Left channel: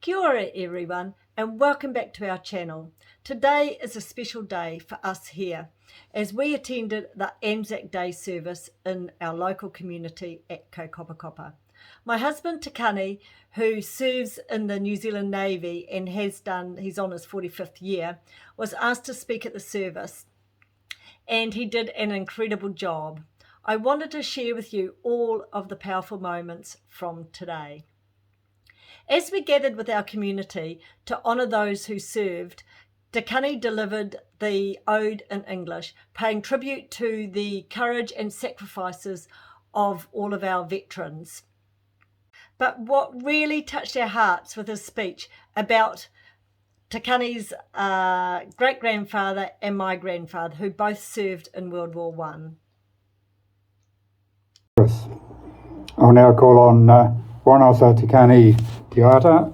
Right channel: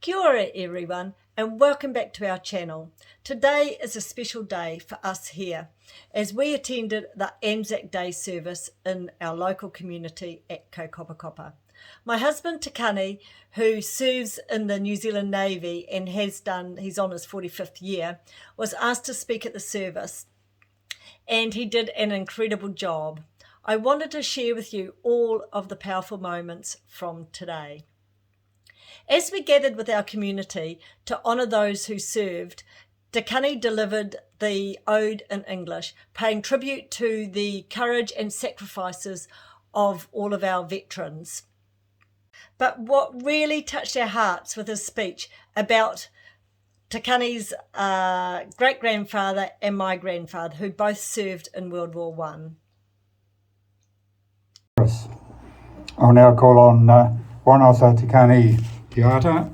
Kia ora everyone, and welcome back to our channel. Today is a special day for us here as we attended the Anzac Day Service in our local community at Kaukapakapa. My husband Kani, who serves in the New Zealand Navy and he's on his 45th year, was asked to speak at the service, and he did an incredible job. I wanted to share with you all of the powerful moments from today. As we gathered with our community to honour those who served, Kani delivered the ode in English, paying tribute to the courage and sacrifices of all of our veterans. But what really touched our hearts was his speech about Kani's great-grandfather and my grandfather, who both served in World War I. I'll now call on Warnasa Kani Piata,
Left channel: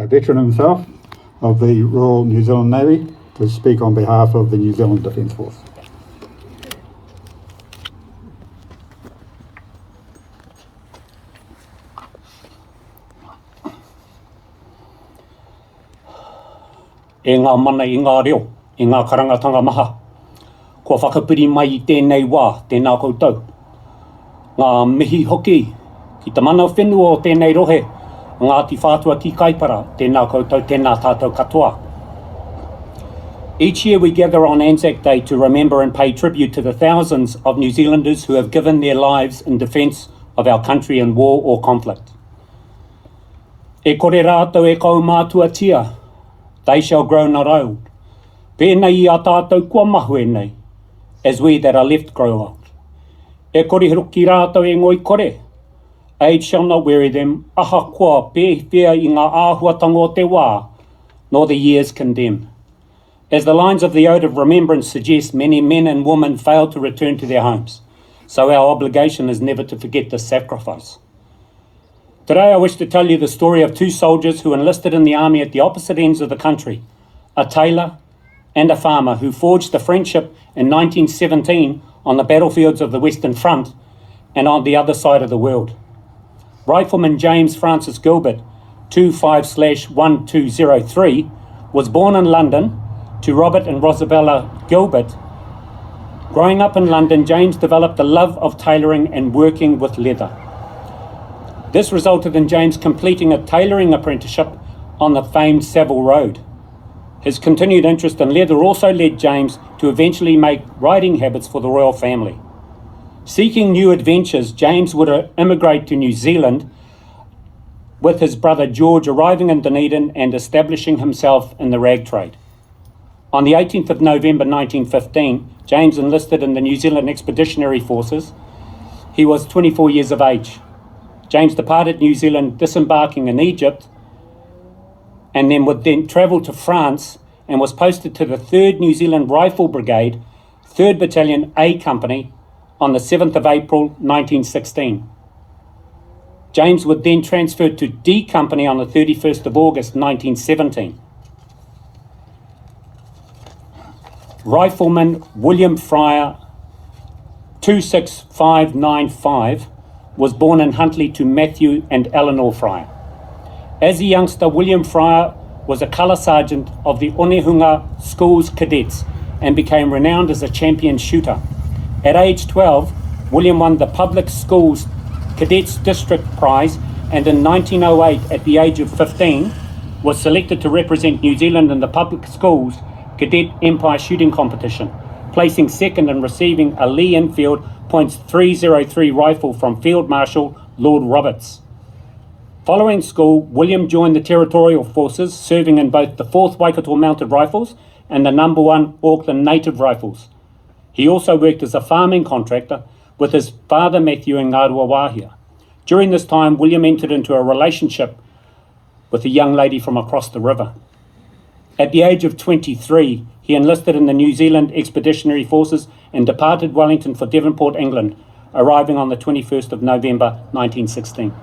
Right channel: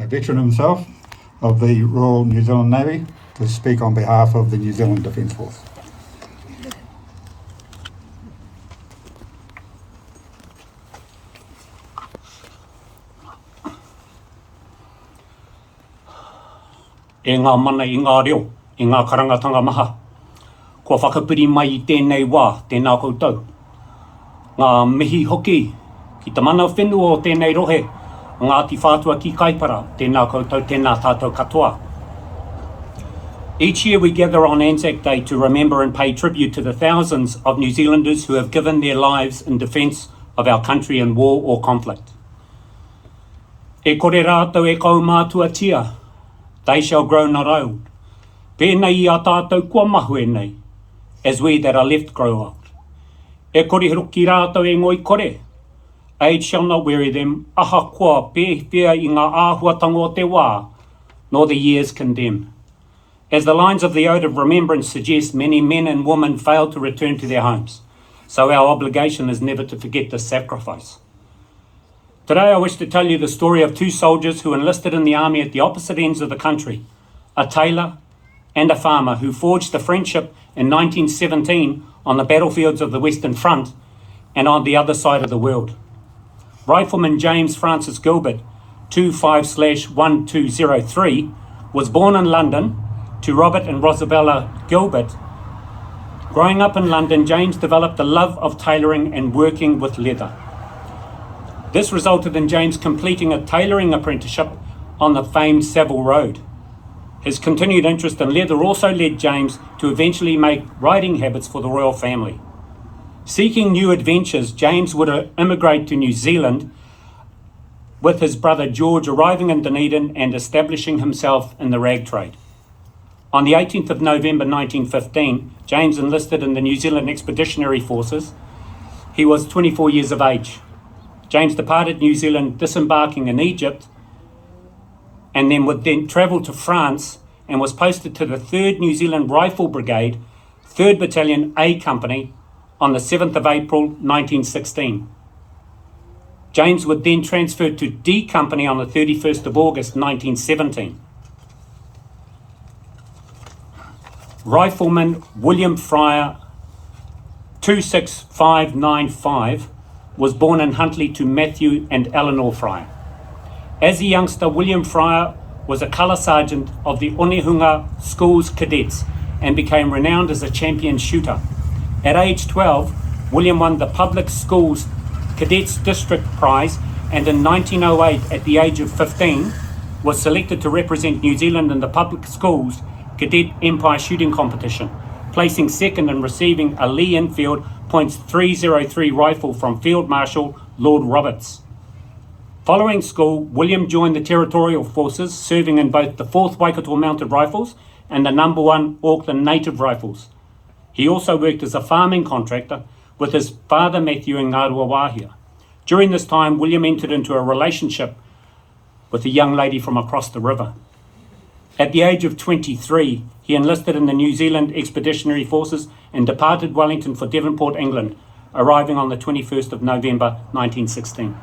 a veteran himself of the Royal New Zealand Navy, to speak on behalf of the New Zealand Defence Force. E ngā mana i ngā reo, i ngā karangatanga maha. Kua whakapiri mai i tēnei wā, tēnā koutou. Ngā mihi hoki, ki te mana whenua o tēnei rohe, Ngāti whātua ki kaipara, tēnā koutou, tēnā tātou katoa. Each year we gather on Anzac Day to remember and pay tribute to the thousands of New Zealanders who have given their lives in defence of our country in war or conflict. E kore rātou e kau mātua tia, they shall grow not old. Pēnei i a tātou kua mahu e nei, as we that are left grow old. E kore hiroki rātou e ngoi kore, age shall not weary them, aha kua pēwhia i ngā āhuatanga o te wā, nor the years condemn. As the lines of the Ode of Remembrance suggest, many men and women failed to return to their homes, so our obligation is never to forget this sacrifice. Today I wish to tell you the story of two soldiers who enlisted in the army at the opposite ends of the country, a tailor and a farmer who forged a friendship in 1917 on the battlefields of the Western Front and on the other side of the world. Rifleman James Francis Gilbert, 25/1203, was born in London to Robert and Rosabella Gilbert. Growing up in London, James developed a love of tailoring and working with leather. This resulted in James completing a tailoring apprenticeship on the famed Savile Road. His continued interest in leather also led James to eventually make riding habits for the royal family. Seeking new adventures, James would immigrate to New Zealand with his brother George, arriving in Dunedin and establishing himself in the rag trade. On the 18th of November 1915, James enlisted in the New Zealand Expeditionary Forces. He was 24 years of age. James departed New Zealand, disembarking in Egypt, and then would travel to France and was posted to the 3rd New Zealand Rifle Brigade, 3rd Battalion A Company, on the 7th of April 1916. James would then transfer to D Company on the 31st of August 1917. Rifleman William Fryer, 26595, was born in Huntly to Matthew and Eleanor Fryer. As a youngster, William Fryer was a colour sergeant of the Onehunga Schools Cadets and became renowned as a champion shooter. At age 12, William won the Public Schools Cadets District Prize, and in 1908, at the age of 15, was selected to represent New Zealand in the Public Schools Cadet Empire Shooting Competition, placing second and receiving a Lee Enfield .303 rifle from Field Marshal Lord Roberts. Following school, William joined the Territorial Forces, serving in both the 4th Waikato Mounted Rifles and the No. 1 Auckland Native Rifles. He also worked as a farming contractor with his father Matthew in Ngārua Wāhia. During this time, William entered into a relationship with a young lady from across the river. At the age of 23, he enlisted in the New Zealand Expeditionary Forces and departed Wellington for Devonport, England, arriving on the 21st of November 1916.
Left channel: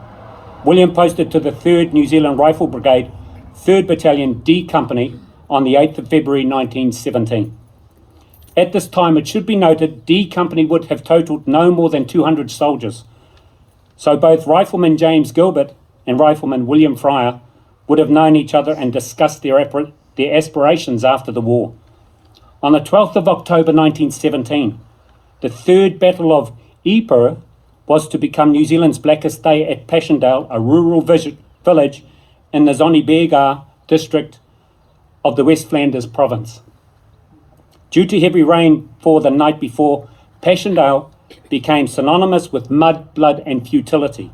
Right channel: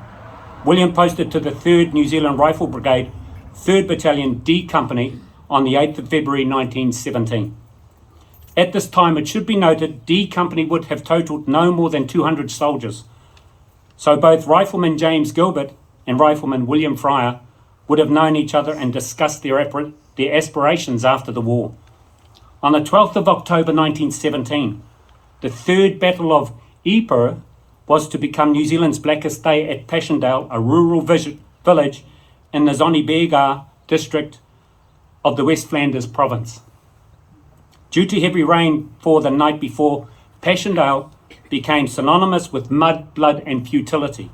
William posted to the 3rd New Zealand Rifle Brigade, 3rd Battalion D Company, on the 8th of February 1917. At this time, it should be noted, D Company would have totalled no more than 200 soldiers. So both Rifleman James Gilbert and Rifleman William Fryer would have known each other and discussed their aspirations after the war. On the 12th of October 1917, the third Battle of Ypres was to become New Zealand's blackest day at Passchendaele, a rural village in the Zonneberger district of the West Flanders province. Due to heavy rain for the night before, Passchendaele became synonymous with mud, blood and futility.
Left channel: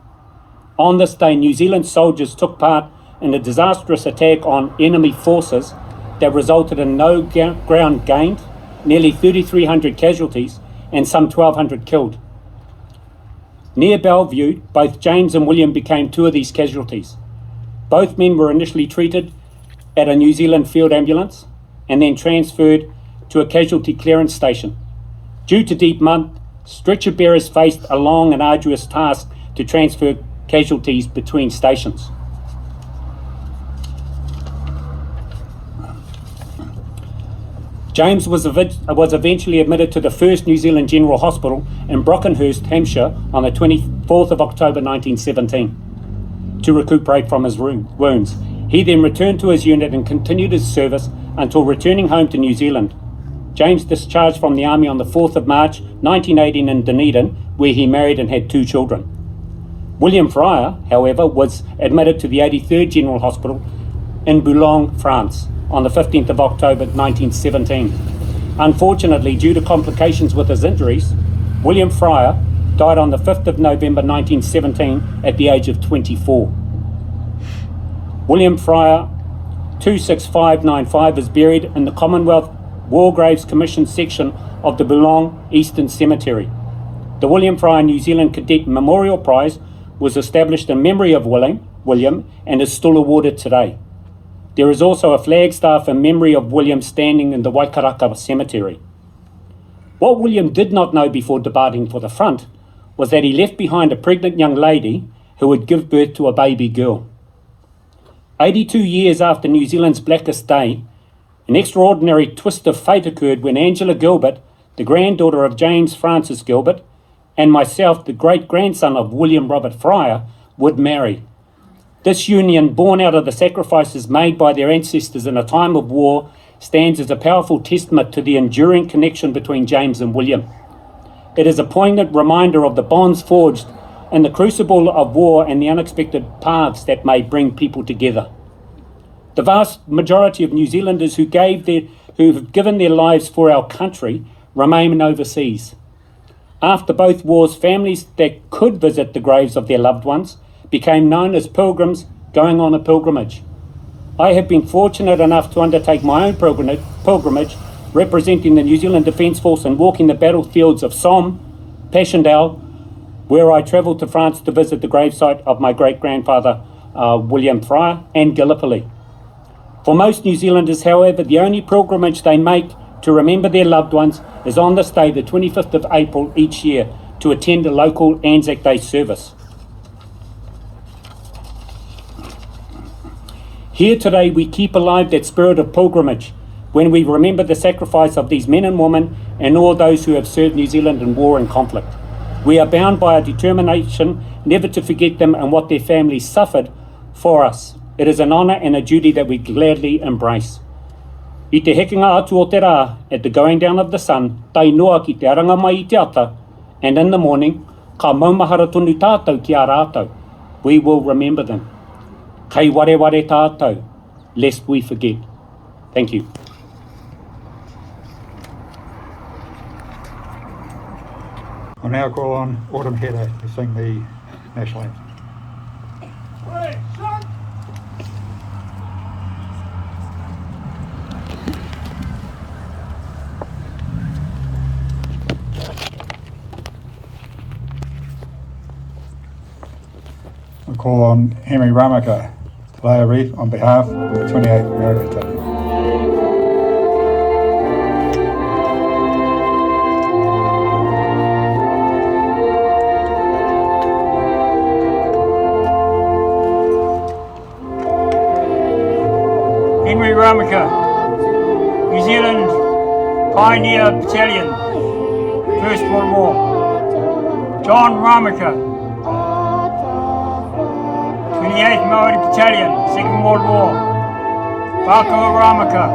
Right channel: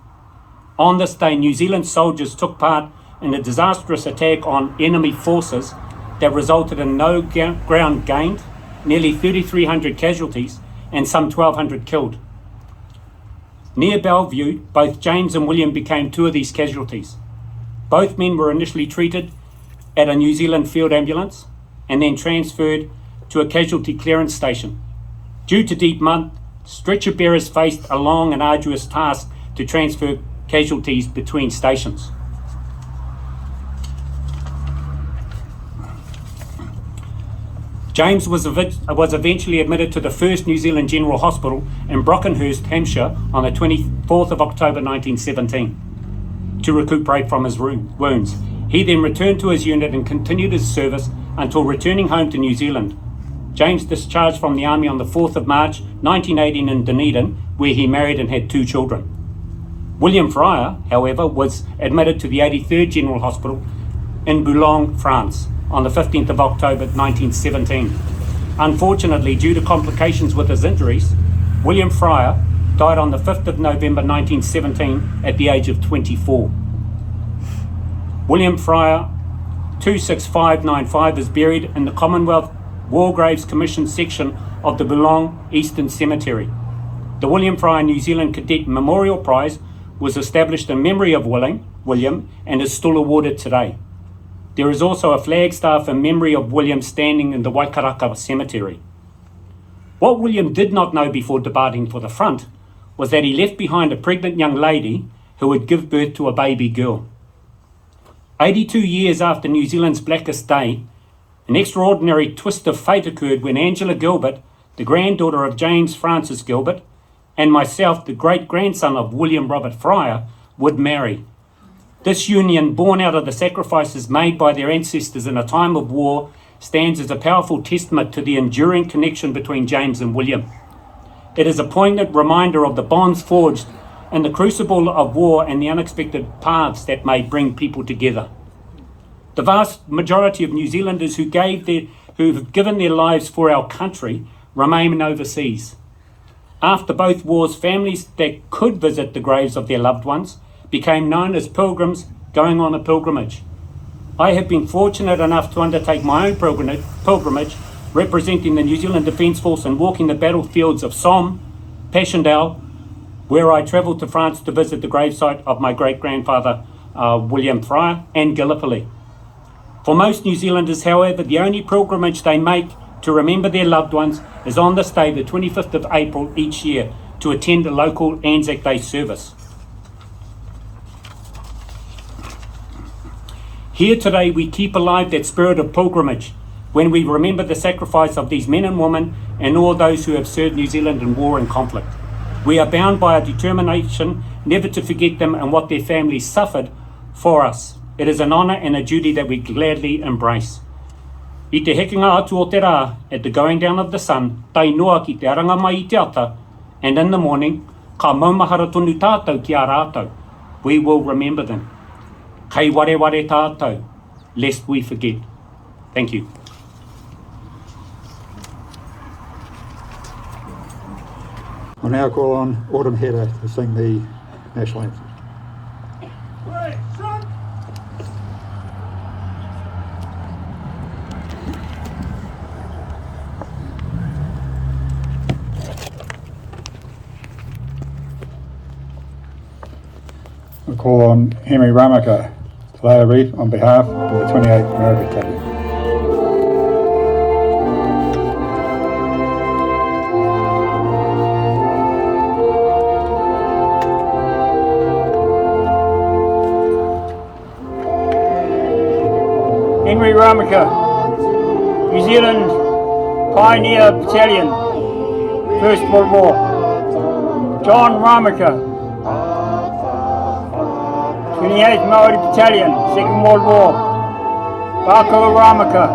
On this day, New Zealand soldiers took part in a disastrous attack on enemy forces that resulted in no ground gained, nearly 3,300 casualties and some 1,200 killed. Near Bellevue, both James and William became two of these casualties. Both men were initially treated at a New Zealand field ambulance and then transferred to a casualty clearance station. Due to deep mud, stretcher bearers faced a long and arduous task to transfer casualties between stations. James was eventually admitted to the first New Zealand General Hospital in Brockenhurst, Hampshire on the 24th of October 1917 to recuperate from his wounds. He then returned to his unit and continued his service until returning home to New Zealand. James discharged from the army on the 4th of March 1918 in Dunedin, where he married and had 2 children. William Fryer, however, was admitted to the 83rd General Hospital in Boulogne, France, on the 15th of October 1917. Unfortunately, due to complications with his injuries, William Fryer died on the 5th of November 1917 at the age of 24. William Fryer 26595 is buried in the Commonwealth War Graves Commission section of the Boulogne Eastern Cemetery. The William Fryer New Zealand Cadet Memorial Prize was established in memory of William and is still awarded today. There is also a flagstaff in memory of William standing in the Waikaraka Cemetery. What William did not know before departing for the front was that he left behind a pregnant young lady who would give birth to a baby girl. 82 years after New Zealand's Blackest Day, an extraordinary twist of fate occurred when Angela Gilbert, the granddaughter of James Francis Gilbert, and myself, the great-grandson of William Robert Fryer, would marry. This union, born out of the sacrifices made by their ancestors in a time of war, stands as a powerful testament to the enduring connection between James and William. It is a poignant reminder of the bonds forged in the crucible of war and the unexpected paths that may bring people together. The vast majority of New Zealanders who have given their lives for our country remain overseas. After both wars, families that could visit the graves of their loved ones became known as pilgrims going on a pilgrimage. I have been fortunate enough to undertake my own pilgrimage representing the New Zealand Defence Force and walking the battlefields of Somme, Passchendaele, where I travelled to France to visit the gravesite of my great-grandfather William Fryer, and Gallipoli. For most New Zealanders, however, the only pilgrimage they make to remember their loved ones is on this day, the 25th of April each year, to attend a local Anzac Day service. Here today we keep alive that spirit of pilgrimage when we remember the sacrifice of these men and women and all those who have served New Zealand in war and conflict. We are bound by a determination never to forget them and what their families suffered for us. It is an honour and a duty that we gladly embrace. I te hekinga atu o te rā, at the going down of the sun, tai noa ki te aranga mai I te ata, and in the morning, ka maumahara tonu tātou ki a rātou. We will remember them. Kei ware ware tātou, lest we forget. Thank you. I now call on Autumn Heather to sing the national anthem. I call on Henry Ramaka to lay a wreath on behalf of the 28th American Company. Henry Ramaka, New Zealand Pioneer Battalion, First World War. John Ramaka, 28th Māori Battalion, Second World War. Bako Ramaka,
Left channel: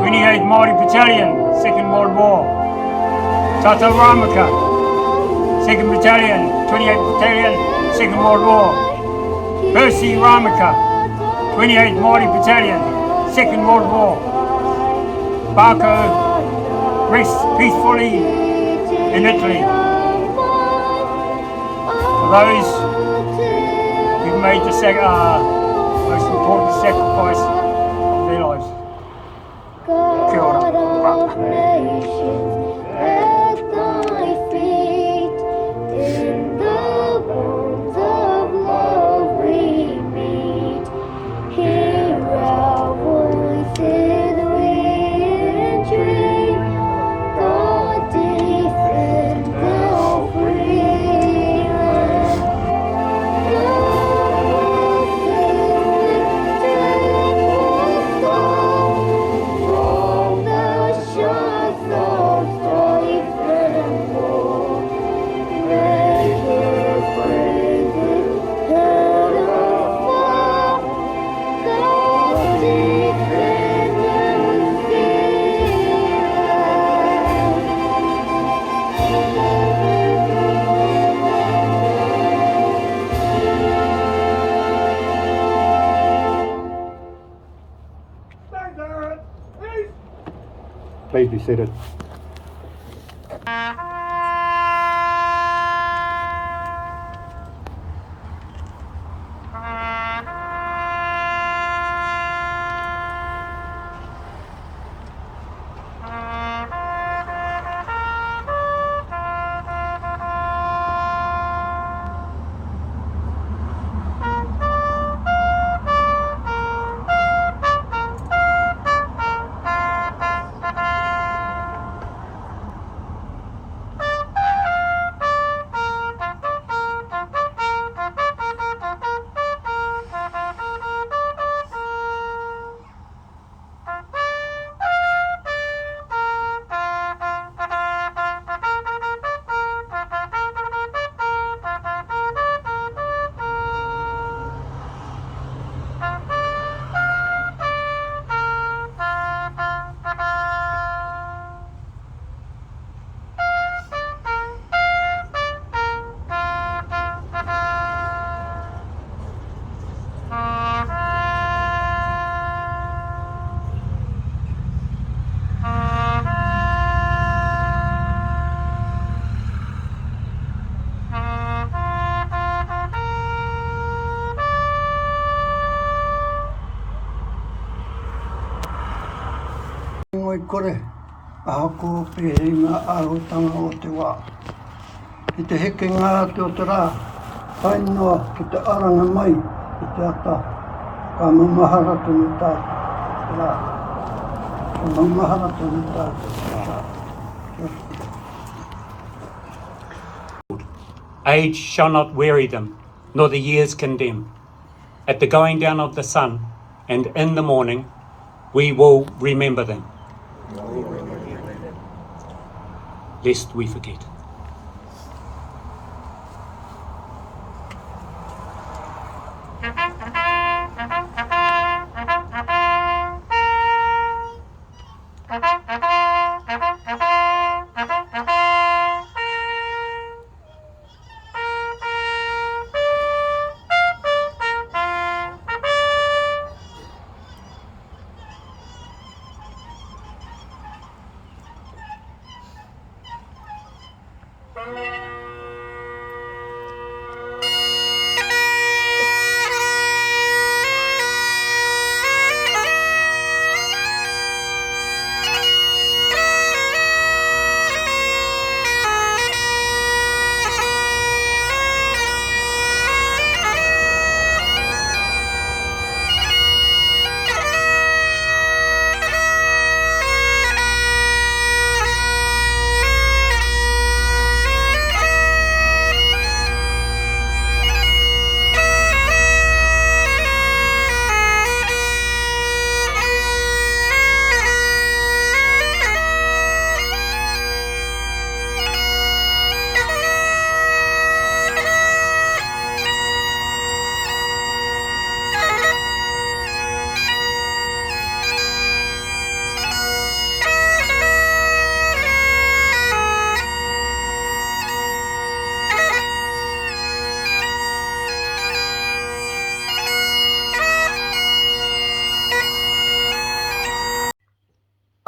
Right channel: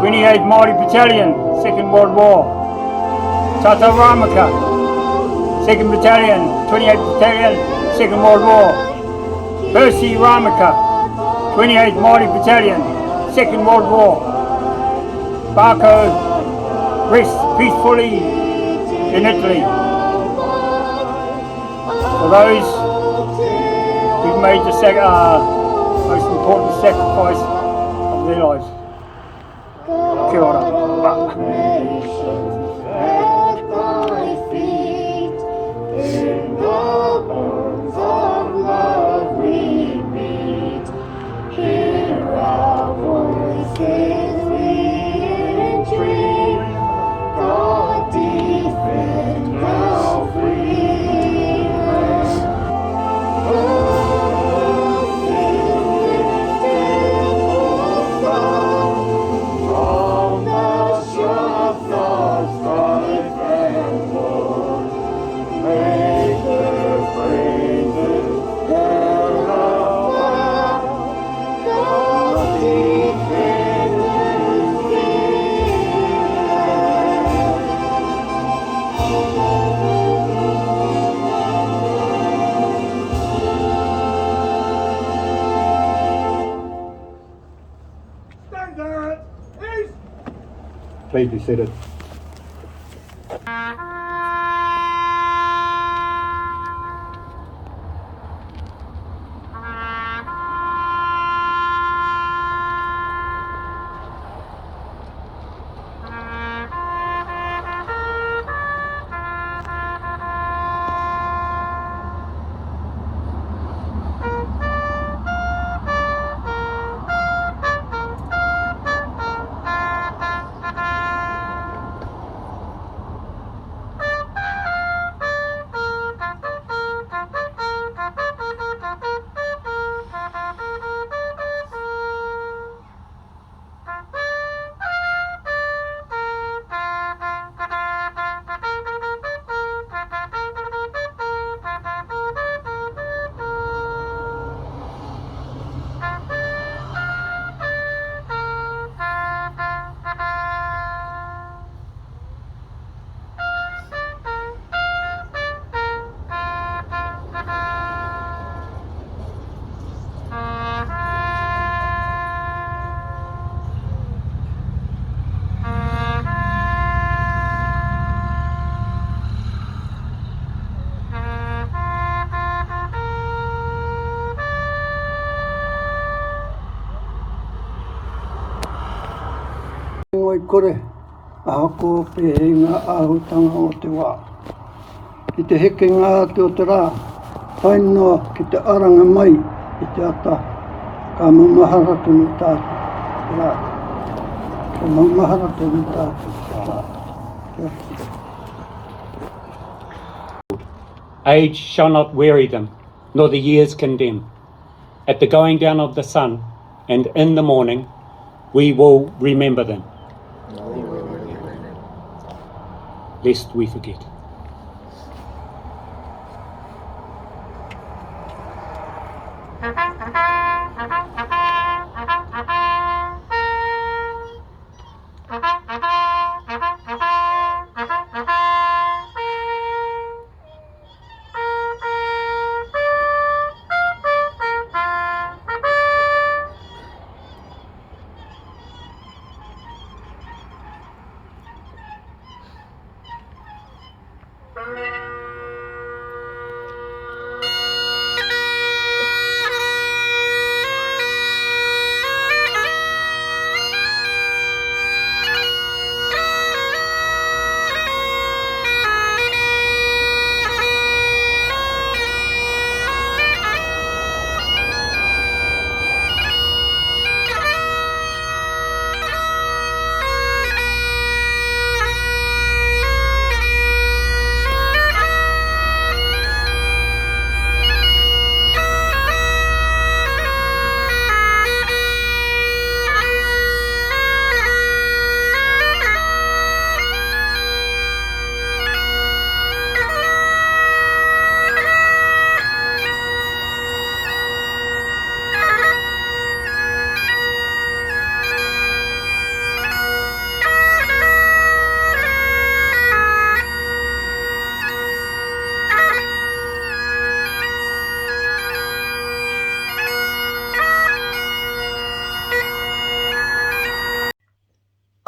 28th Māori Battalion, Second World War. Tata Ramaka, 2nd Battalion, 28th Battalion, Second World War. Percy Ramaka, 28th Māori Battalion, Second World War. Bako rests peacefully in Italy. For those who've made the most important sacrifice of their lives. Kia ora. Please be seated. Ngoi kore, a hako pehenga ahutanga o te wā. Ki te heke ngā te o te rā, whainoa ki te aranga mai i te ata, ka maumahara tonu tātu. Rā, ka maumahara tonu tātu. Rā. Age shall not weary them, nor the years condemn. At the going down of the sun, and in the morning, we will remember them. Lest we forget.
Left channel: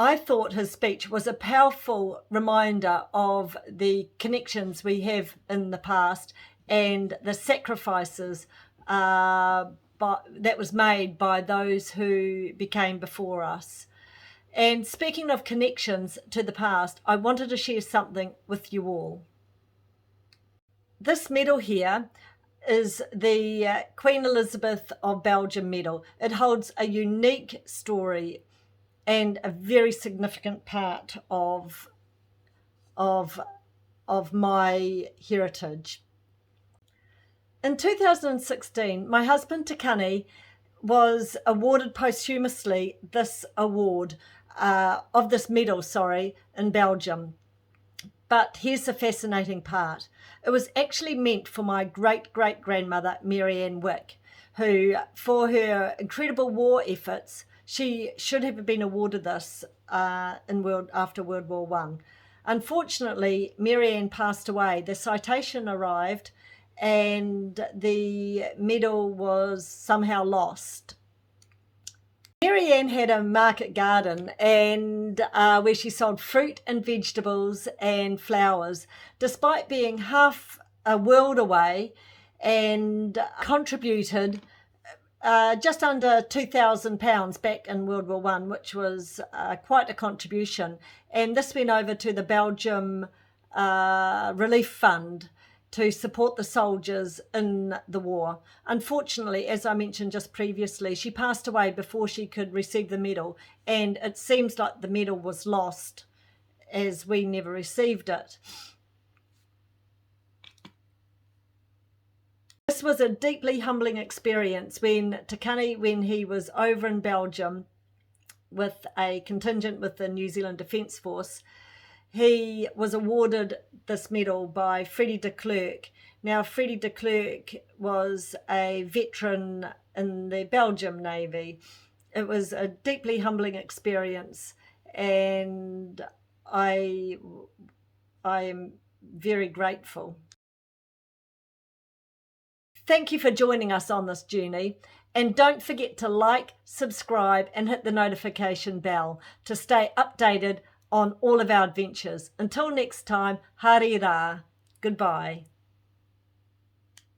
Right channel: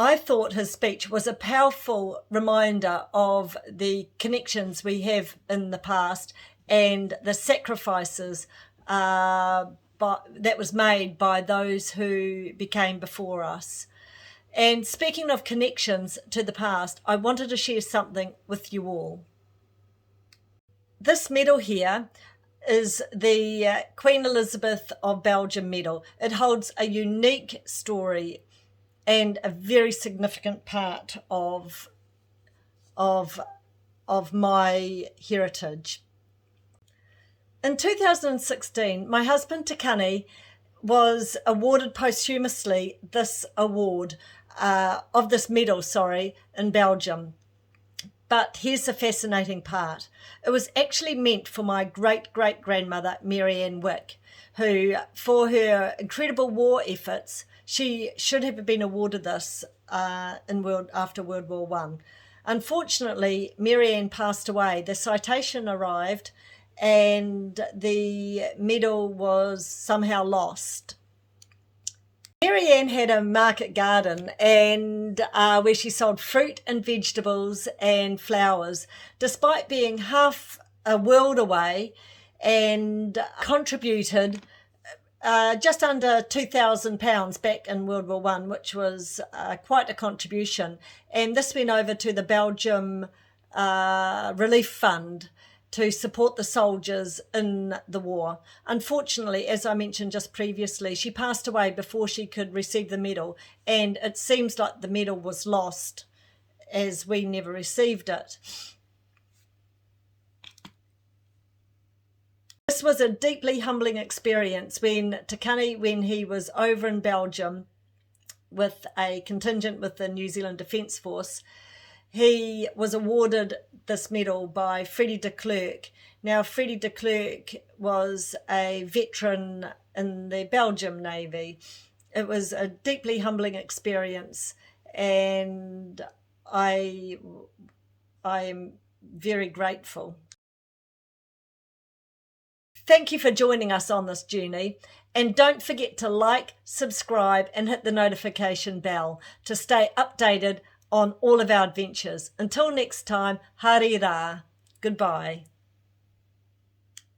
I thought his speech was a powerful reminder of the connections we have in the past and the sacrifices that was made by those who became before us. And speaking of connections to the past, I wanted to share something with you all. This medal here is the Queen Elizabeth of Belgium medal. It holds a unique story and a very significant part of my heritage. In 2016, my husband Kani was awarded posthumously this award of this medal, in Belgium. But here's the fascinating part. It was actually meant for my great-great-grandmother, Mary Ann Wick, who, for her incredible war efforts, she should have been awarded this after World War I. Unfortunately, Mary Ann passed away. The citation arrived and the medal was somehow lost. Mary Ann had a market garden and where she sold fruit and vegetables and flowers, despite being half a world away, and contributed just under £2,000 back in World War I, which was quite a contribution. And this went over to the Belgium Relief Fund to support the soldiers in the war. Unfortunately, as I mentioned just previously, she passed away before she could receive the medal, and it seems like the medal was lost as we never received it. This was a deeply humbling experience when he was over in Belgium with a contingent with the New Zealand Defence Force. He was awarded this medal by Freddie de Klerk. Now, Freddie de Klerk was a veteran in the Belgium Navy. It was a deeply humbling experience, and I am very grateful. Thank you for joining us on this journey, and don't forget to like, subscribe, and hit the notification bell to stay updated on all of our adventures. Until next time, haere rā. Goodbye.